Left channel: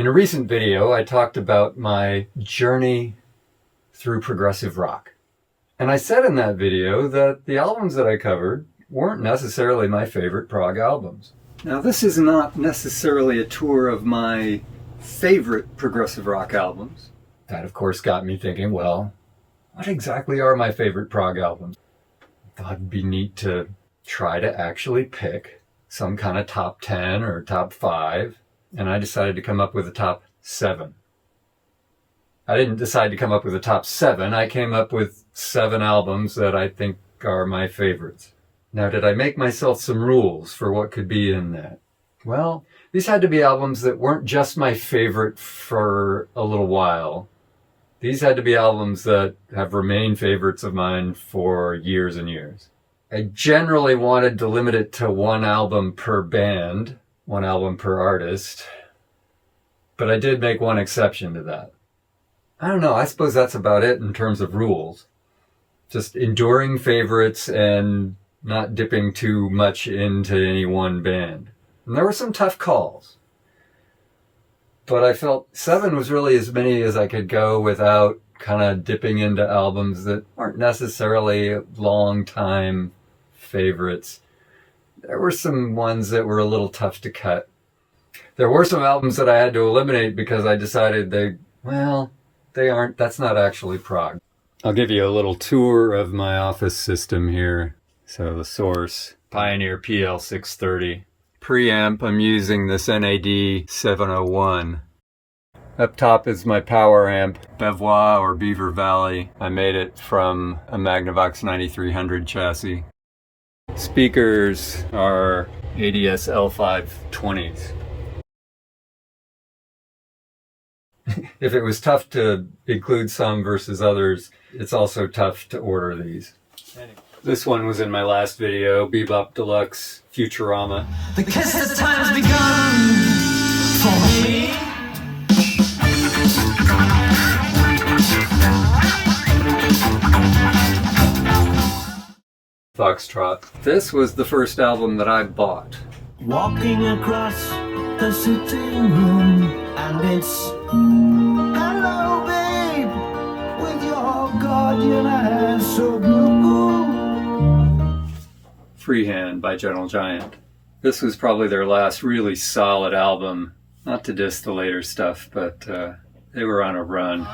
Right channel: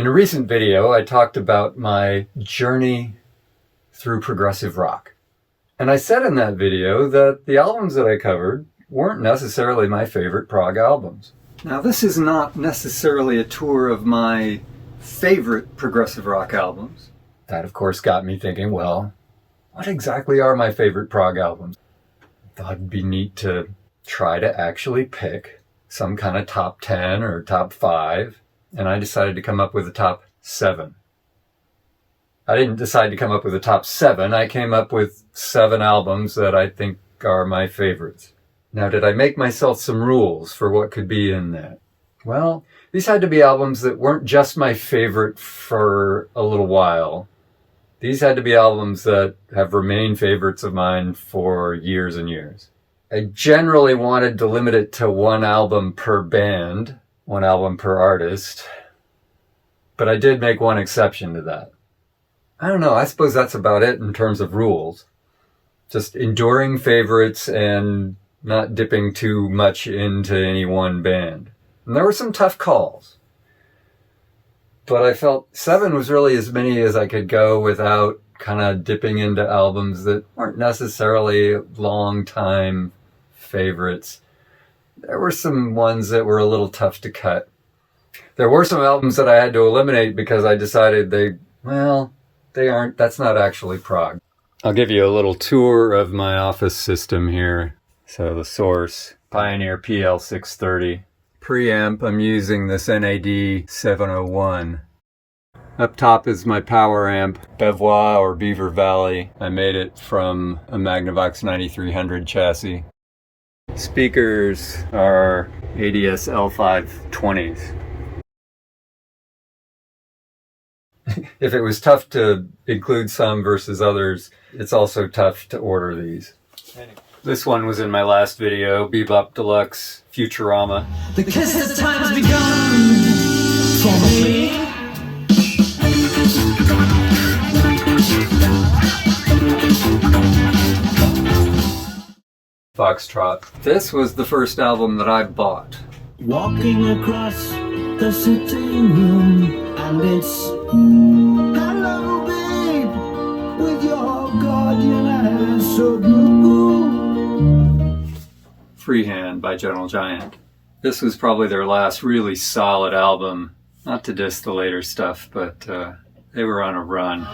In a recent video, I talked about my journey through progressive rock. And I said in that video that the albums that I covered weren't necessarily my favorite prog albums. Now, this is not necessarily a tour of my favorite progressive rock albums. That, of course, got me thinking, well, what exactly are my favorite prog albums? I thought it'd be neat to try to actually pick some kind of top 10 or top 5. And I decided to come up with a top 7. I didn't decide to come up with a top 7. I came up with 7 albums that I think are my favorites. Now, did I make myself some rules for what could be in that? Well, these had to be albums that weren't just my favorite for a little while. These had to be albums that have remained favorites of mine for years and years. I generally wanted to limit it to 1 album per band, 1 album per artist, but I did make one exception to that. I don't know, I suppose that's about it in terms of rules. Just enduring favorites and not dipping too much into any one band. And there were some tough calls, but I felt 7 was really as many as I could go without kind of dipping into albums that weren't necessarily long time favorites. There were some ones that were a little tough to cut. There were some albums that I had to eliminate because I decided that's not actually prog. I'll give you a little tour of my office system here. So the source, Pioneer PL630. Preamp, I'm using this NAD 701. Up top is my power amp, Bevois or Beaver Valley. I made it from a Magnavox 9300 chassis. Speakers are ADS L520s. If it was tough to include some versus others, it's also tough to order these. This one was in my last video, Be-Bop Deluxe Futurama. Because the time's begun for me. Foxtrot. This was the first album that I bought. Walking across the sitting room, and it's hello, babe, with your guardian hair so blue. Freehand by Gentle Giant. This was probably their last really solid album. Not to diss the later stuff, but they were on a run.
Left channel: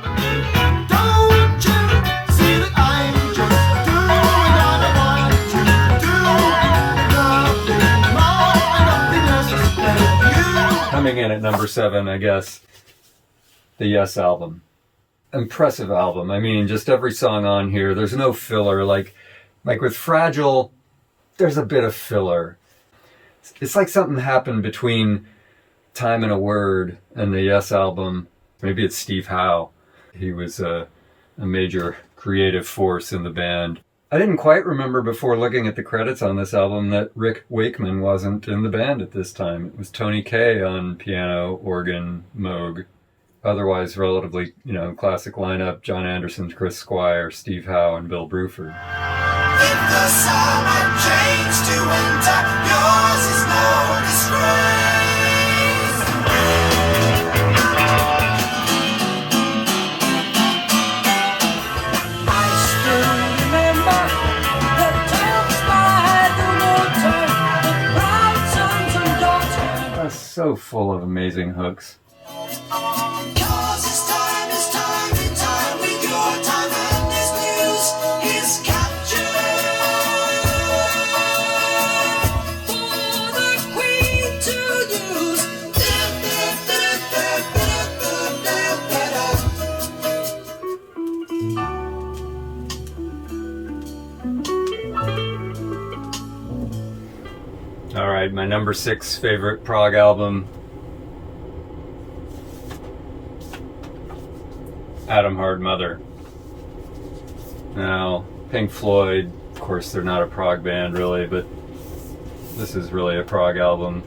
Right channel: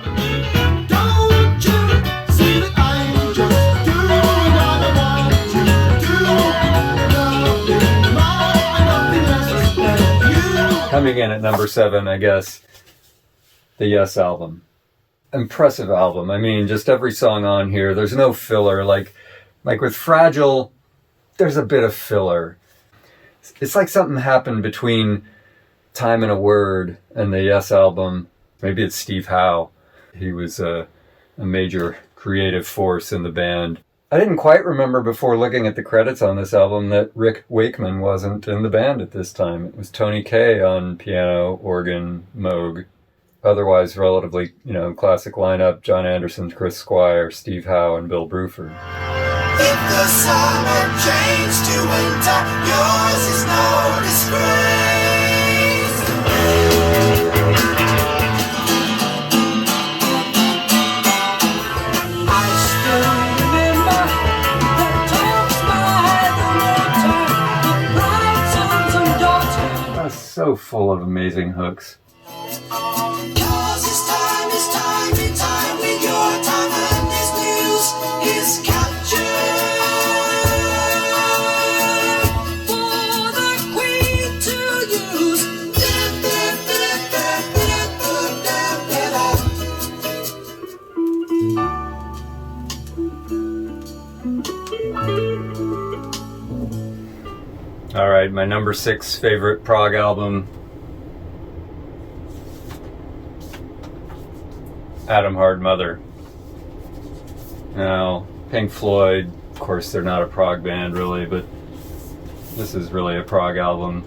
Coming in at number 7, I guess, the Yes album. Impressive album. I mean, just every song on here, there's no filler. Like with Fragile, there's a bit of filler. It's like something happened between Time and a Word and the Yes album. Maybe it's Steve Howe. He was a major creative force in the band. I didn't quite remember before looking at the credits on this album that Rick Wakeman wasn't in the band at this time. It was Tony Kaye on piano, organ, Moog. Otherwise, relatively, classic lineup: John Anderson, Chris Squire, Steve Howe, and Bill Bruford. If the summer changed to winter, yours is no disgrace. So full of amazing hooks. Yours is time with your time, and his muse is captured. For the queen to use. All right, my number 6 favorite prog album, Atom Heart Mother. Now, Pink Floyd, of course, they're not a prog band really, but this is really a prog album.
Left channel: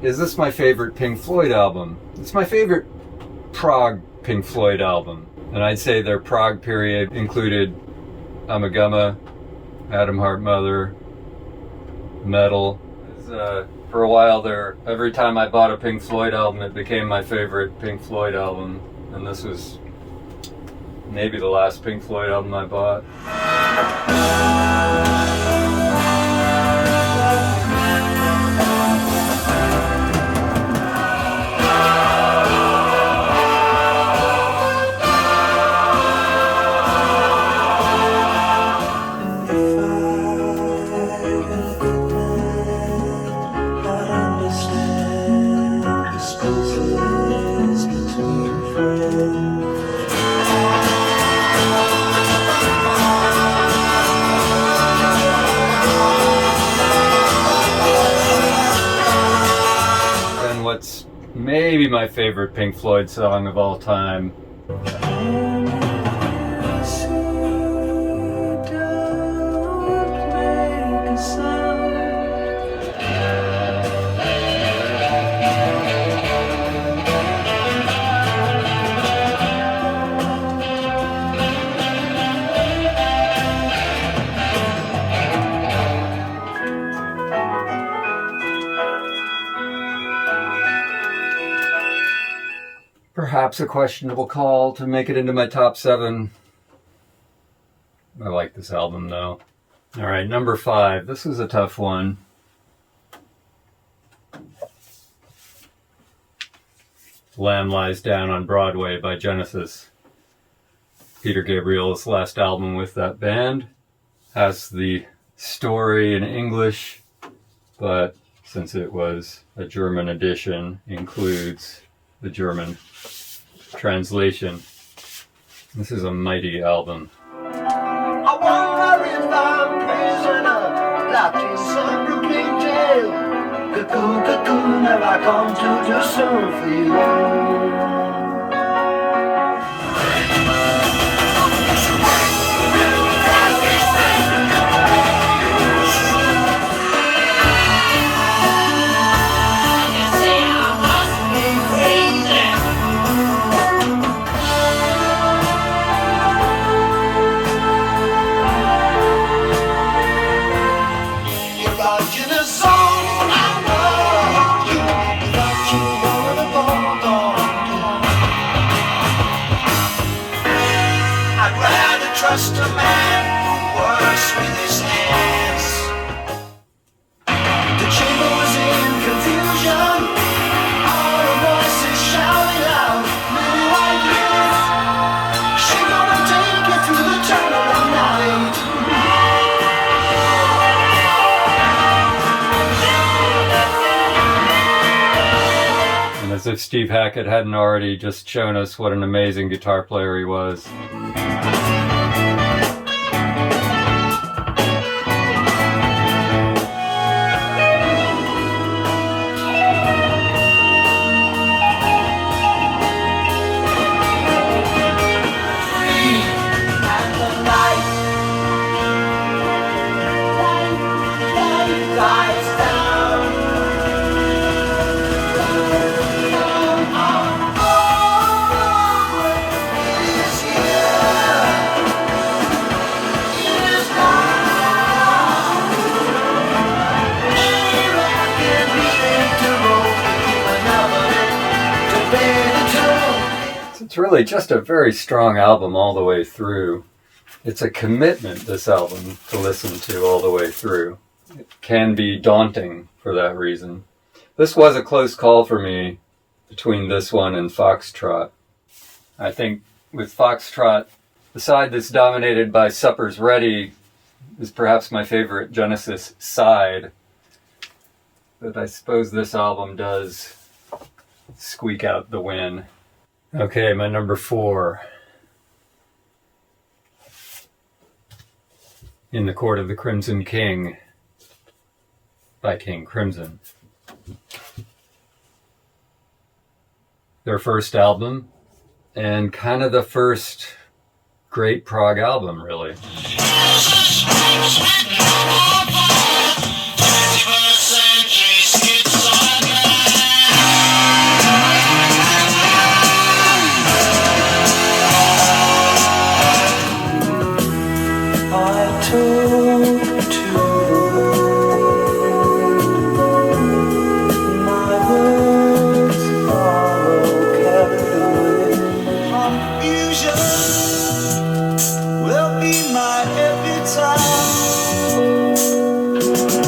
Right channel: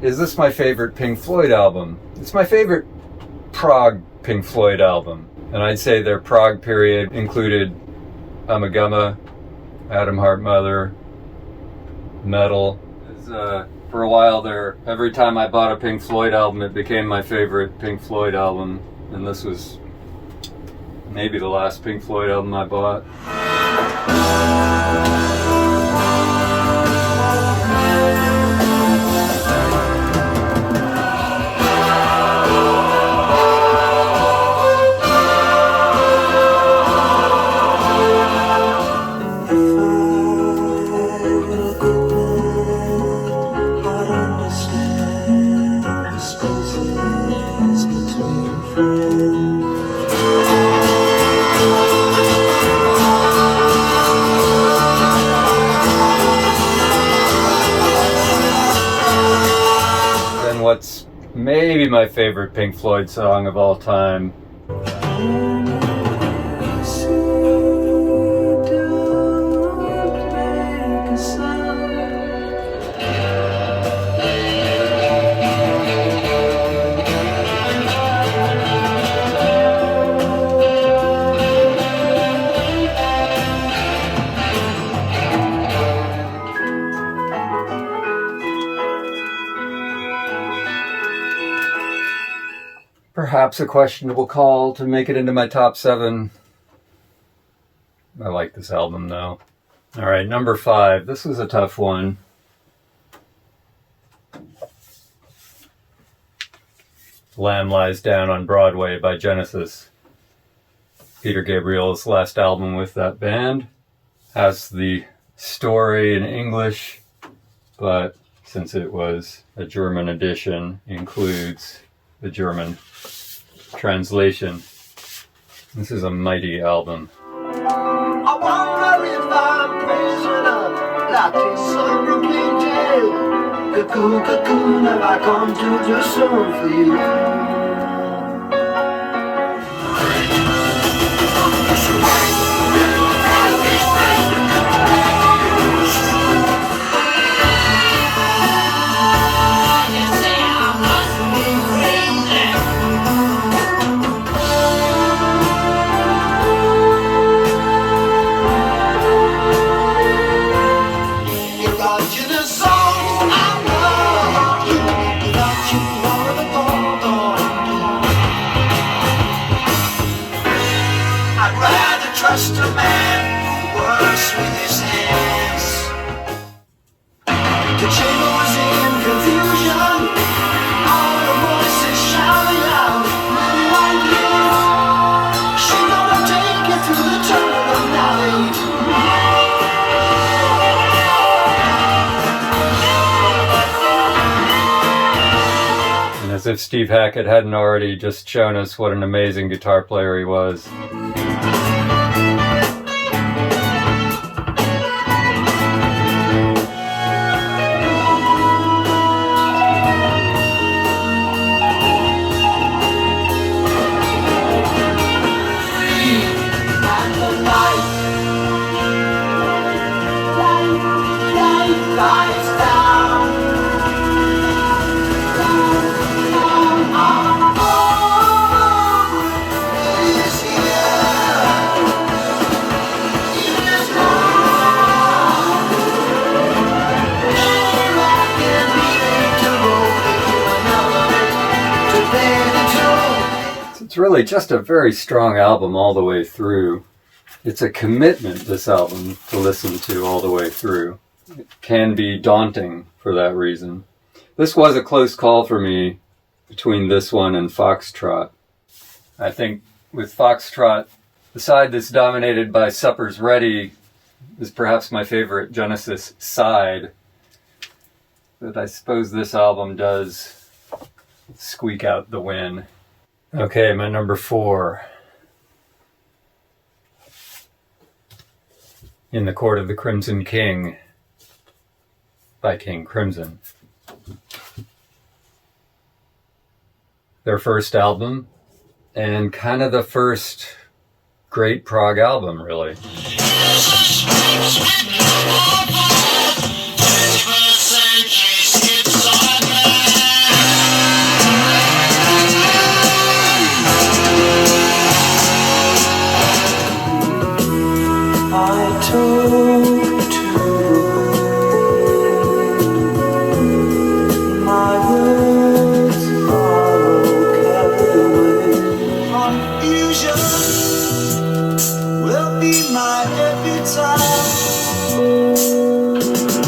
Is this my favorite Pink Floyd album? It's my favorite prog Pink Floyd album. And I'd say their prog period included Ummagumma, Atom Heart Mother, Metal. For a while there, every time I bought a Pink Floyd album, it became my favorite Pink Floyd album. And this was maybe the last Pink Floyd album I bought. What's maybe my favorite Pink Floyd song of all time. Perhaps a questionable call to make it into my top 7. I like this album though. All right, number 5. This was a tough one. Lamb Lies Down on Broadway by Genesis. Peter Gabriel's last album with that band. Has the story in English, but since it was a German edition, includes the German translation. This is a mighty album. I wonder if I'm prisoner, locked in some broken jail. Cocoon, cocoon, have I come too soon for you? Trust a man who works with his hands. The chamber was in confusion. All the voices shouting loud. She gonna take you through the tunnel of night. And as if Steve Hackett hadn't already just shown us what an amazing guitar player he was. It's really just a very strong album all the way through. It's a commitment, this album, to listen to all the way through. It can be daunting for that reason. This was a close call for me between this one and Foxtrot. I think with Foxtrot, the side that's dominated by Supper's Ready is perhaps my favorite Genesis side. But I suppose this album does squeak out the win. Okay, my number 4. In the Court of the Crimson King by King Crimson. Their first album, and kind of the first great prog album, really. But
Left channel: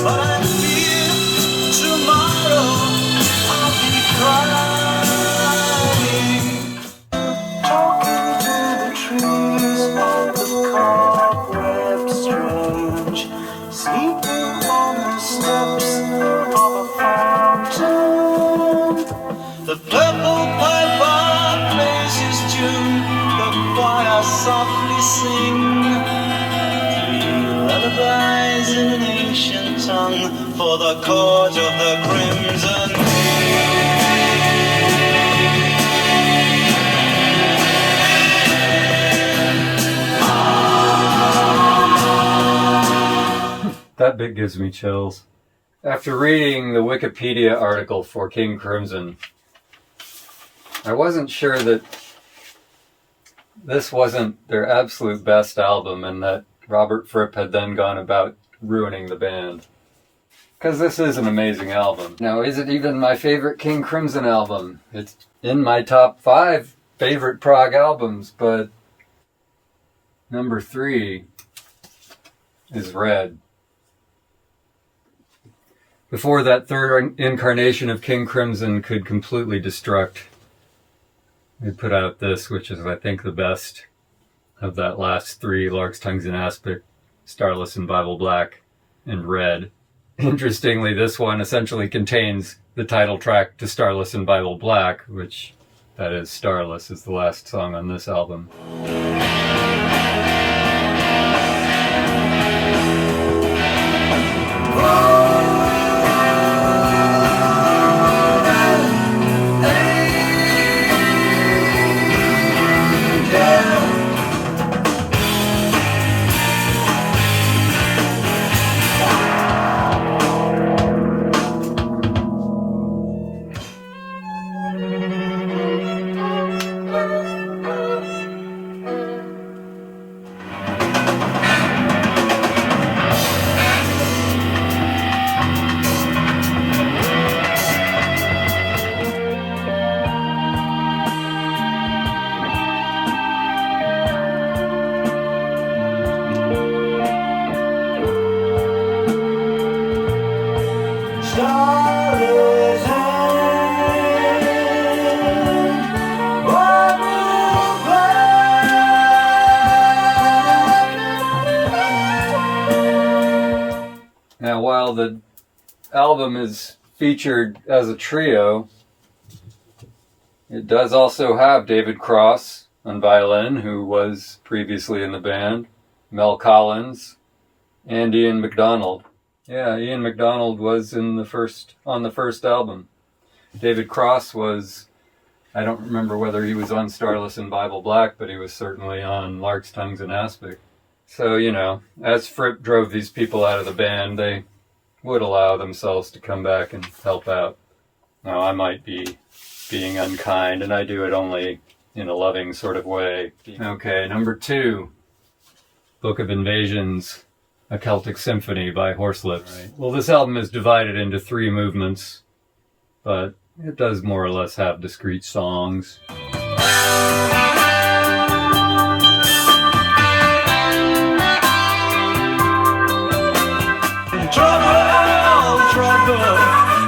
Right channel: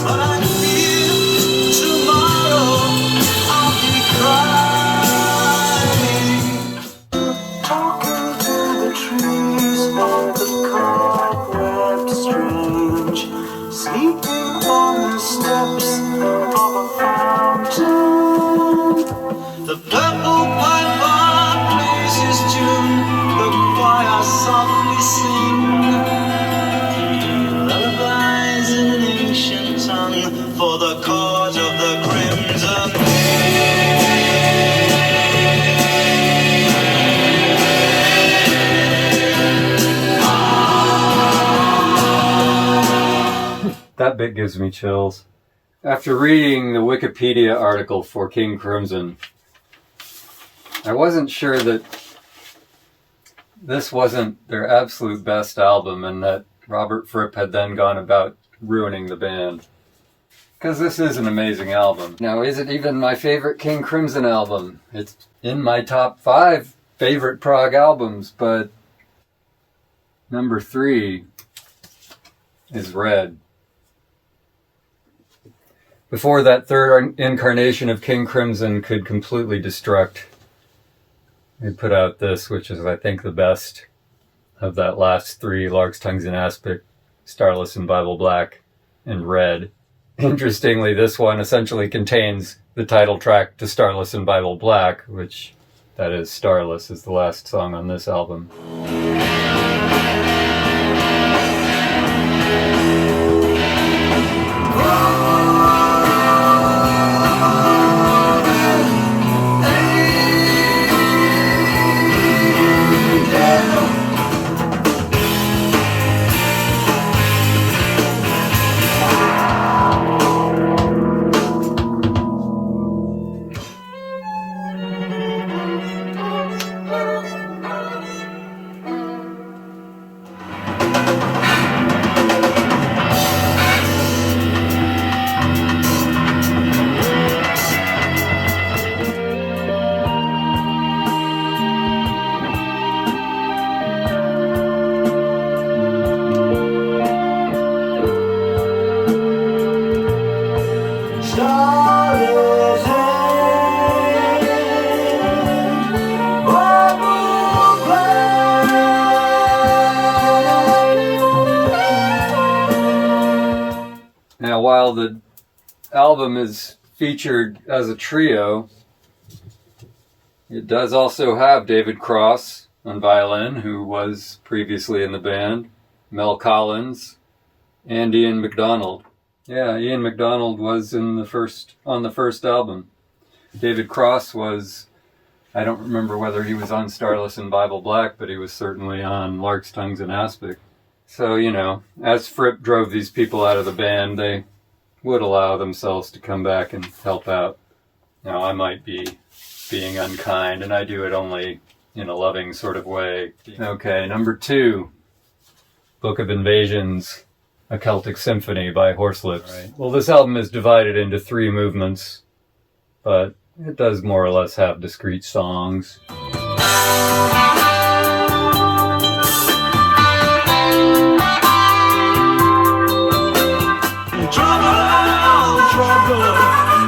I fear tomorrow I'll be crying. Talking to the trees, the cobwebs strange, sleeping on the steps of a fountain. The purple piper plays his tune, the choir softly sing. Lullabies in an ancient tongue for the cause of the crimson. That bit gives me chills. After reading the Wikipedia article for King Crimson, I wasn't sure that this wasn't their absolute best album and that Robert Fripp had then gone about ruining the band. Because this is an amazing album. Now, is it even my favorite King Crimson album? It's in my top 5 favorite Prog albums, but number 3 is Red. Before that third incarnation of King Crimson could completely destruct, they put out this, which is, I think, the best of that last 3, Larks, Tongues, and Aspic, Starless and Bible Black, and Red. Interestingly, this one essentially contains the title track to Starless and Bible Black, which, that is, Starless is the last song on this album. Now, while the album is featured as a trio, it does also have David Cross on violin, who was previously in the band, Mel Collins, and Ian MacDonald. Yeah, Ian MacDonald was on the first album. David Cross was, I don't remember whether he was on Starless and Bible Black, but he was certainly on Larks, Tongues, and Aspic. So, you know, as Fripp drove these people out of the band, they would allow themselves to come back and help out. Now, I might be being unkind, and I do it only in a loving sort of way. Okay, number 2, Book of Invasions, A Celtic Symphony by Horslips. Right. Well, this album is divided into 3 movements, but it does more or less have discrete songs.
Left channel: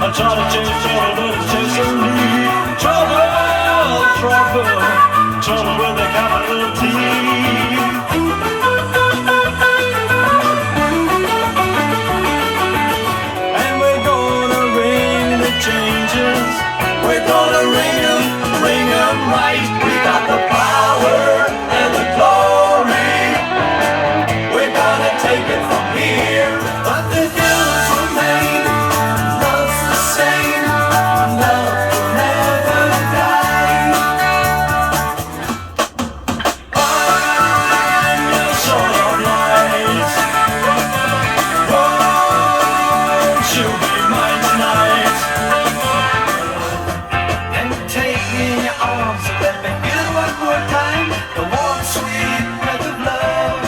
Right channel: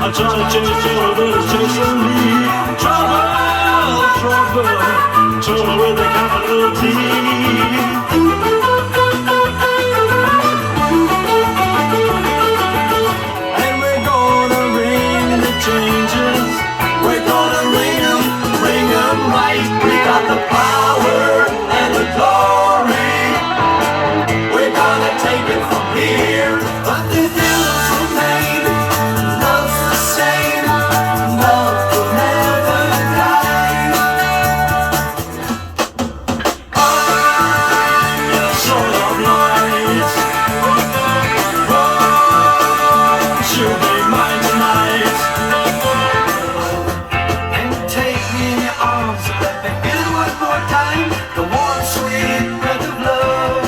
I'm trying to chase trouble, but it's chasing me. Trouble, trouble with a capital T. And we're gonna ring the changes. We're gonna ring 'em right. We got the power and the glory. We're gonna take it from here. But the hills remain. Love's the same. Love will never die. Son of light. Won't you be mine tonight? And take me in your arms and let me feel it one more time. The warm, sweet breath of love.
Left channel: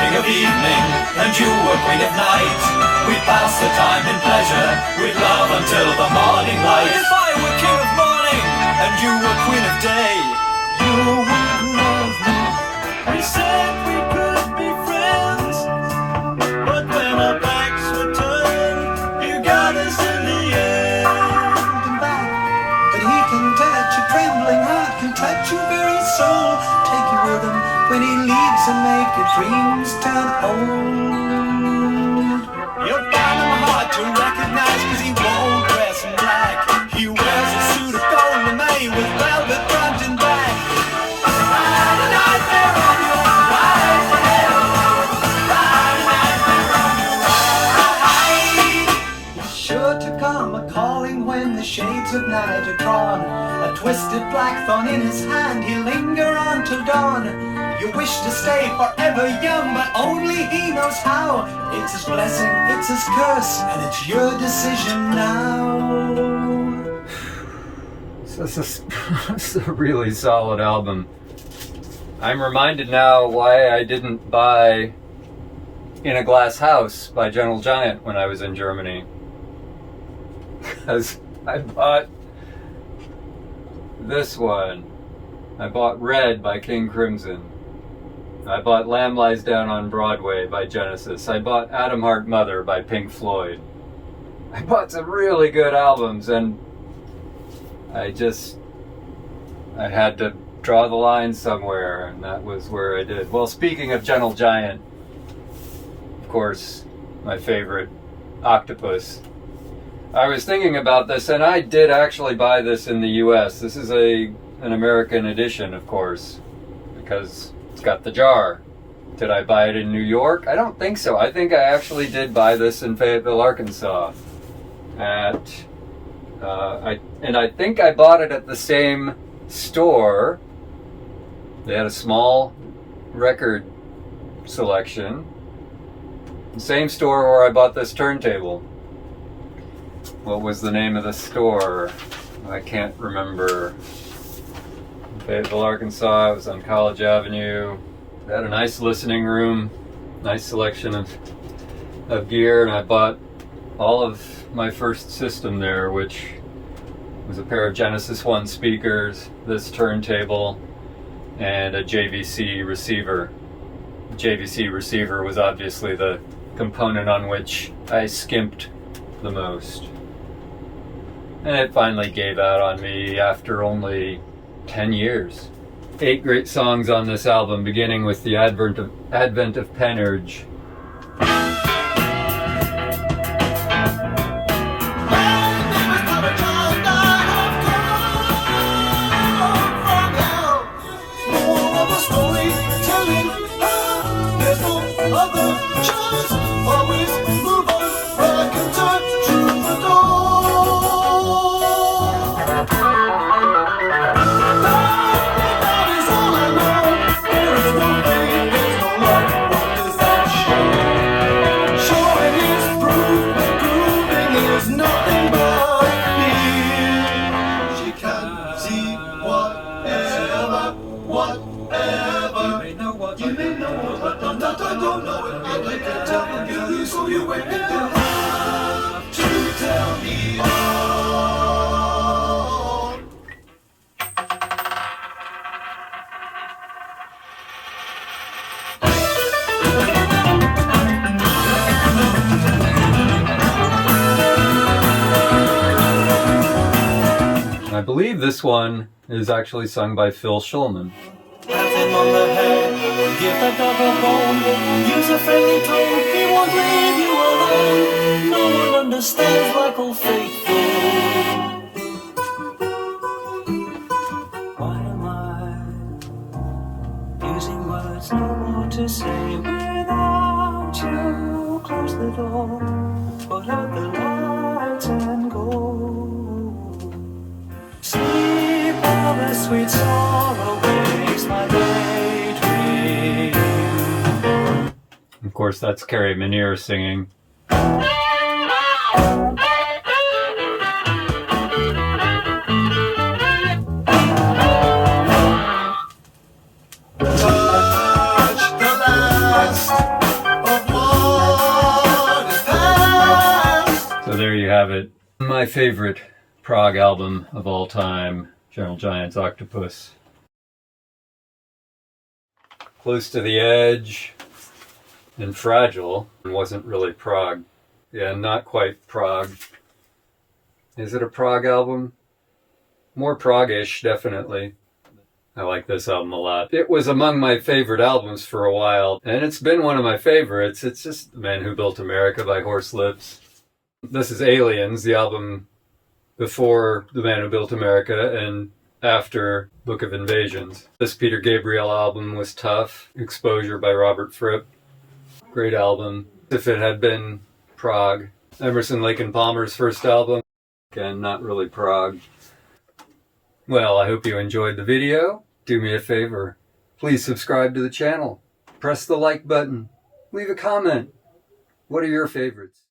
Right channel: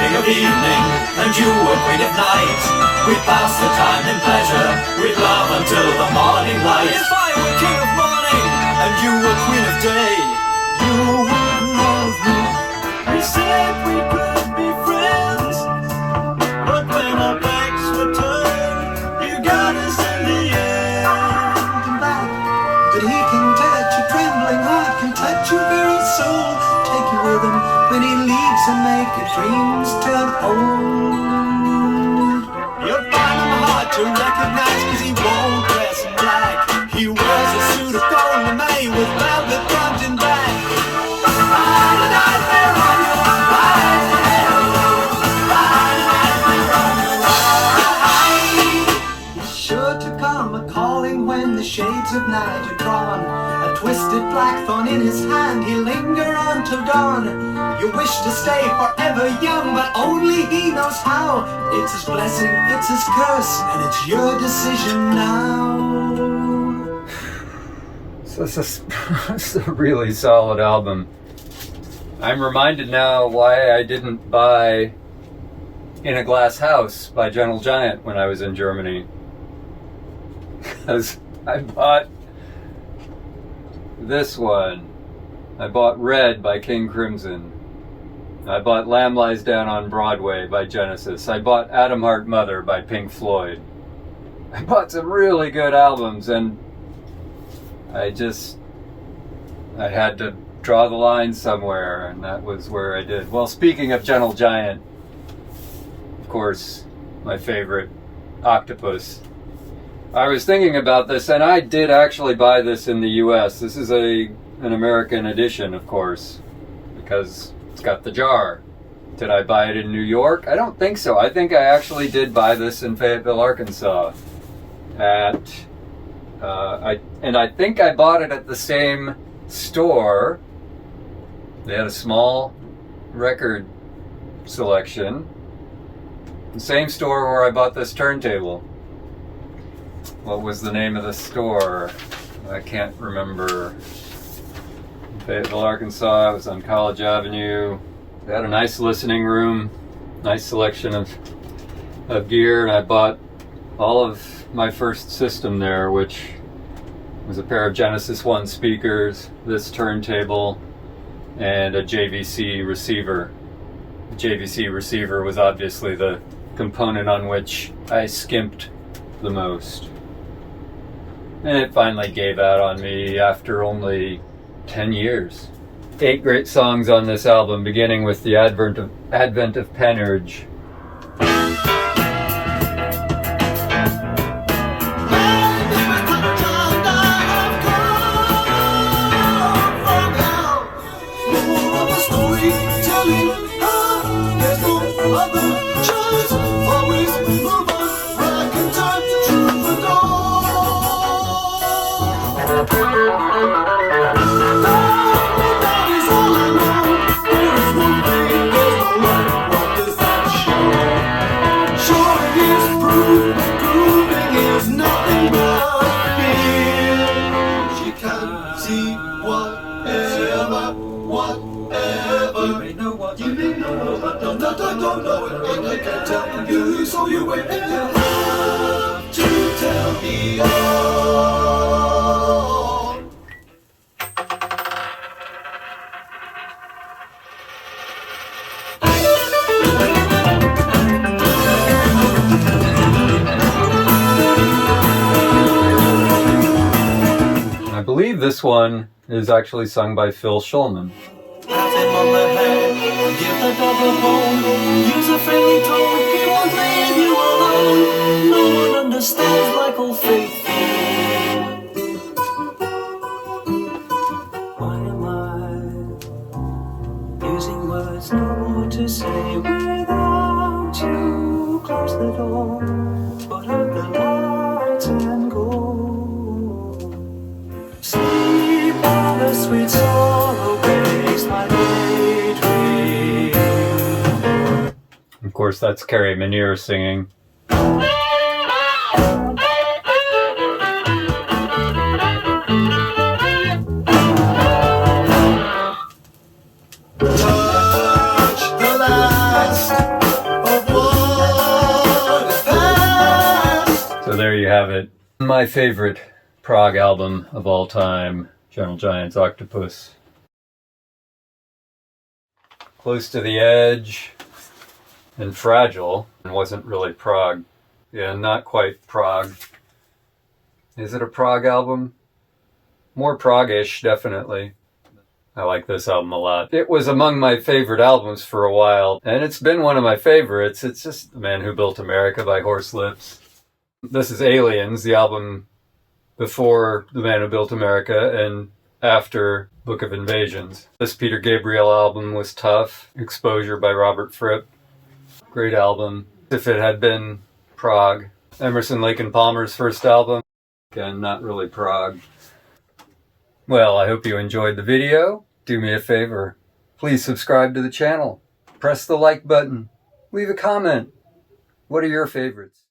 king of evening, and you were queen of night. We'd pass the time in pleasure, we'd love until the morning light. If I were king of morning, and you were queen of day, you would love me. We said we could be friends, but when our backs were turned, you got us in the end. But he can touch your trembling heart, can touch your very soul, take you with him when he leaves and make your dreams turn old. You're kind of hard to recognize, cause he won't dress in black. He wears a suit of gold lame with velvet front and back. Ride the night there on the ride the hell alone. Ride the night there on the ride. He's sure to come a calling when the shades of night are drawn. A twisted black thorn in his hand, he'll linger until dawn. You wish to stay forever young, but only he knows how. It's his blessing, it's his curse, and it's your decision now. So it's a really solid album. I'm reminded now why I didn't buy In a Glass House by Gentle Giant when I was in Germany. Because I bought this one. I bought Red by King Crimson. I bought Lamb Lies Down on Broadway by Genesis. I bought Atom Heart Mother by Pink Floyd. I bought some really good albums, and I had to draw the line somewhere, and that was where I did. Well, speaking of Gentle Giant, of course, my favorite, Octopus. I was thinking about this, and I did actually buy this in the US. This is an American edition, of course, because it's got the jar. Did I buy it in New York? I don't think so. I think I actually did buy this in Fayetteville, Arkansas. I think I bought it at the same store. They had a small record selection. The same store where I bought this turntable. What was the name of the store? I can't remember. Fayetteville, Arkansas. It was on College Avenue. They had a nice listening room, nice selection of gear, and I bought all of my first system there, which was a pair of Genesis 1 speakers, this turntable, and a JVC receiver. The JVC receiver was obviously the component on which I skimped the most. And it finally gave out on me after only 10 years. 8 great songs on this album, beginning with the Advent of Penurge. I believe this one is actually sung by Phil Schulman. Give the dog a bone, use a friendly tone, he won't leave you alone. No one understands like old faithful. Why am I using words no more to say without you? Close the door, put out the lights and go. Sleep while the sweet sorrow wakes my daydream. Of course, that's Carrie Meniere singing. Touch the last So there you have it. My favorite Prog album of all time, Gentle Giant's Octopus. Close to the Edge and Fragile wasn't really Prog. Yeah, not quite Prog. Is it a Prog album? More prog-ish, definitely. I like this album a lot. It was among my favorite albums for a while, and it's been one of my favorites. It's just The Man Who Built America by Horslips. This is Aliens, the album before The Man Who Built America and after Book of Invasions. This Peter Gabriel album was tough. Exposure by Robert Fripp. Great album. If it had been Prog. Emerson, Lake and Palmer's first album. Again, not really Prog. Well, I hope you enjoyed the video. Do me a favor. Please subscribe to the channel. Press the like button. Leave a comment. What are your favorites?